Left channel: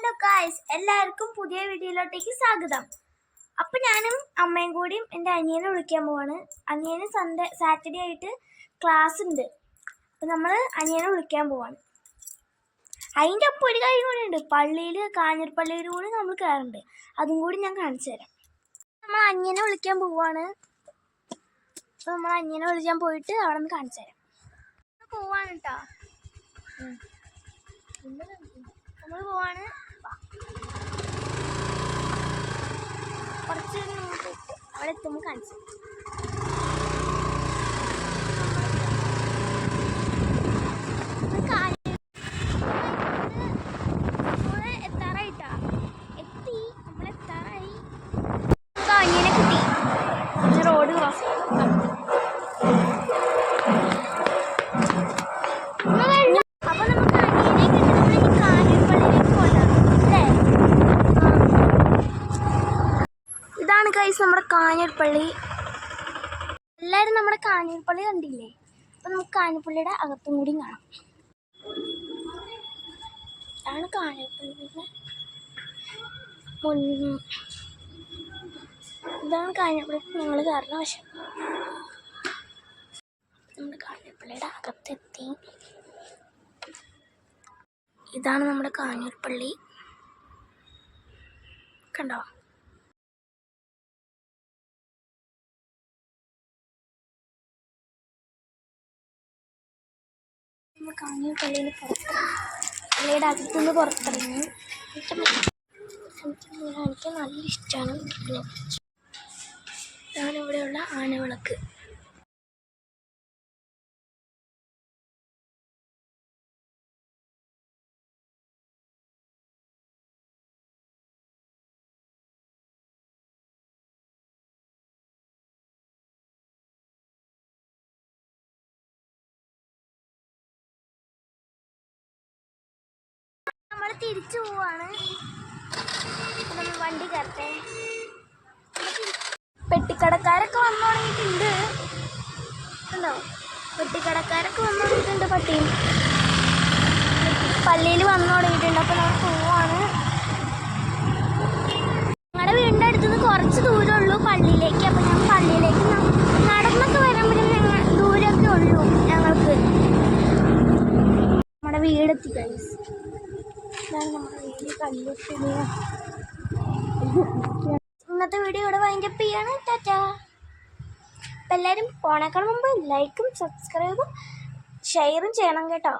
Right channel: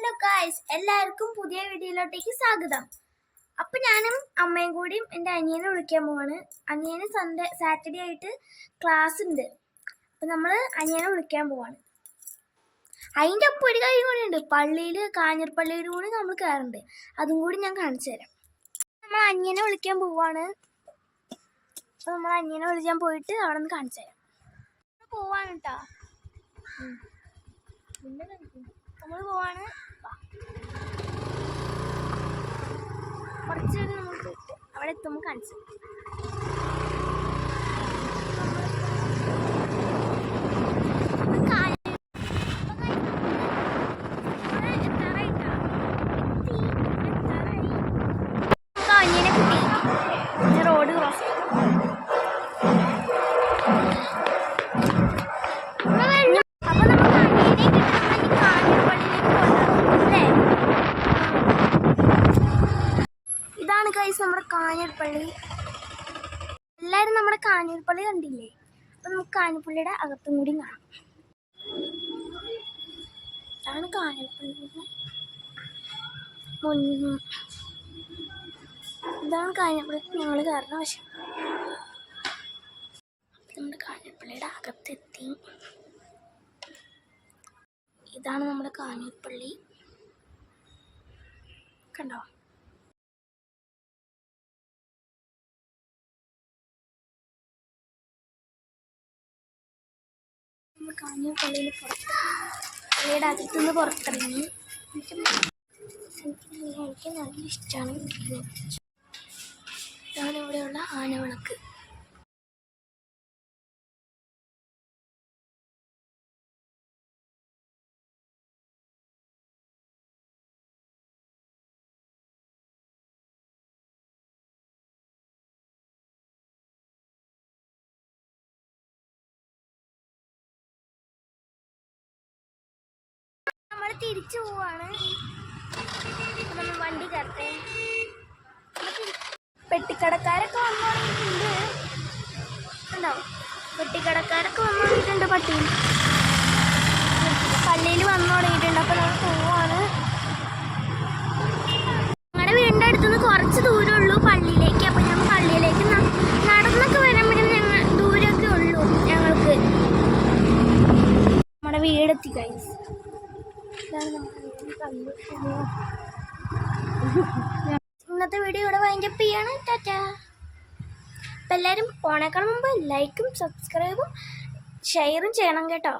Hello guys, എല്ലാവർക്കും പുതിയ വീഡിയോയിലോട്ടേക്ക് സ്വാഗതം. അപ്പം ഞാനും അമ്മയും കൂടിയും എൻ്റെ അനിയനെ വിളിക്കാൻ പോവാണ്. അനിയന് സാറ്റർഡേ ആയിട്ട് ക്ലാസ് ഉണ്ട്. അപ്പം നമ്മൾ അനിയനെ വിളിക്കാൻ പോവാണ്. അതിൻ്റെ ഒപ്പം ഒരു കാര്യം കൂടി ഉണ്ട്. പള്ളിയിൽ കാഞ്ഞിരപ്പള്ളിയിൽ കൂടി നമ്മൾ കയറുന്നുണ്ട്. അതും കൂടി ഞാൻ കാണിച്ചു തരാം. നമ്മൾ അനിയനെ വിളിക്കാൻ പോവാണ്. അപ്പം നമ്മൾ അനിയനെ വിളിക്കാൻ പോയിട്ട് അവിടെ നിന്ന് കാണിച്ചു തരാം. പോവാണ് കേട്ടോ. നമ്മൾ പോവാണ്. കുറച്ച് മുമ്പോട്ട് അവിടെ എത്തുമ്പോൾ കാണിച്ചു. അനിയനെ കിട്ടി. റോഡ് ക്രോസ് അപ്പൊ നമുക്ക് അനിയനെ കിട്ടുമ്പോൾ കാഞ്ഞിരപ്പള്ളിയിലേക്ക് പോകാം അല്ലേ? ഇതാണ് ഗൈസ് നമ്മുടെ കാഞ്ഞിരപ്പള്ളി. എല്ലാവരും നമ്മുടെ കാഞ്ഞിരപ്പള്ളി കണ്ടില്ലേ? അപ്പം നമുക്ക് കാഞ്ഞിരപ്പള്ളിയുടെ അകത്തും കൂടി കാണാം. ഇതാണ് കാഞ്ഞിരപ്പള്ളിയുടെ ഇതാണ് കാഞ്ഞിരപ്പള്ളി ഞങ്ങൾ കയറുന്ന വശം. നമ്മുടെ കാഞ്ഞിരപ്പള്ളിയുടെ അകത്തെത്തി. ഇതാണ് നമ്മുടെ കാഞ്ഞിരപ്പള്ളി. കണ്ടോ? കാഞ്ഞിരപ്പള്ളിയിൽ പള്ളിയുടെ അകത്തുനിന്ന് പുറത്തിറങ്ങി. എനിക്ക് നല്ല ഇഷ്ടമാണ്. ഇതാണ് ഇവിടെയുള്ള ആനവിളക്ക്. നമ്മൾ തിരിച്ചു പോവാണ്. നമ്മൾ വണ്ടി കയറട്ടെ. പെട്ടിക്കടക്കാരൊക്കെ വന്നു തുടങ്ങിയിട്ടുണ്ട്. ഉണ്ടോ? പെട്ടിക്കടക്കാരൊക്കെ വന്നു തുടങ്ങിയിട്ടുണ്ട്. പള്ളിയിൽ വന്നു തുടങ്ങിയിട്ടുണ്ട്. അപ്പോൾ നമ്മൾ പോവാണ്. ഞങ്ങളുടെ വീടിൻ്റെ അടുത്തുനിന്ന് കുറച്ച് ദൂരമുള്ളൂ പള്ളിയിലേക്ക്. അപ്പോൾ ഞങ്ങൾ പള്ളിയിലേക്ക് നടന്നൊക്കെ വരുമ്പോഴും ദൂരമൊക്കെ ഉള്ളൂ ഞങ്ങൾക്ക്. നമ്മുടെ വീടെത്തി ഗൈസ്. ഇതാണ് നമ്മുടെ വീട്. കല്ലുട്ടി. ഇന്നത്തെ വീഡിയോ ഇവിടെ വൈൻഡപ്പ് ചെയ്യാണ്. ടാറ്റാ. അപ്പം എല്ലാവരും പോണേക്കാൾ മുമ്പ് ലൈക്കും സബ്സ്ക്രൈബും ഷെയറും ചെയ്യണം കേട്ടോ.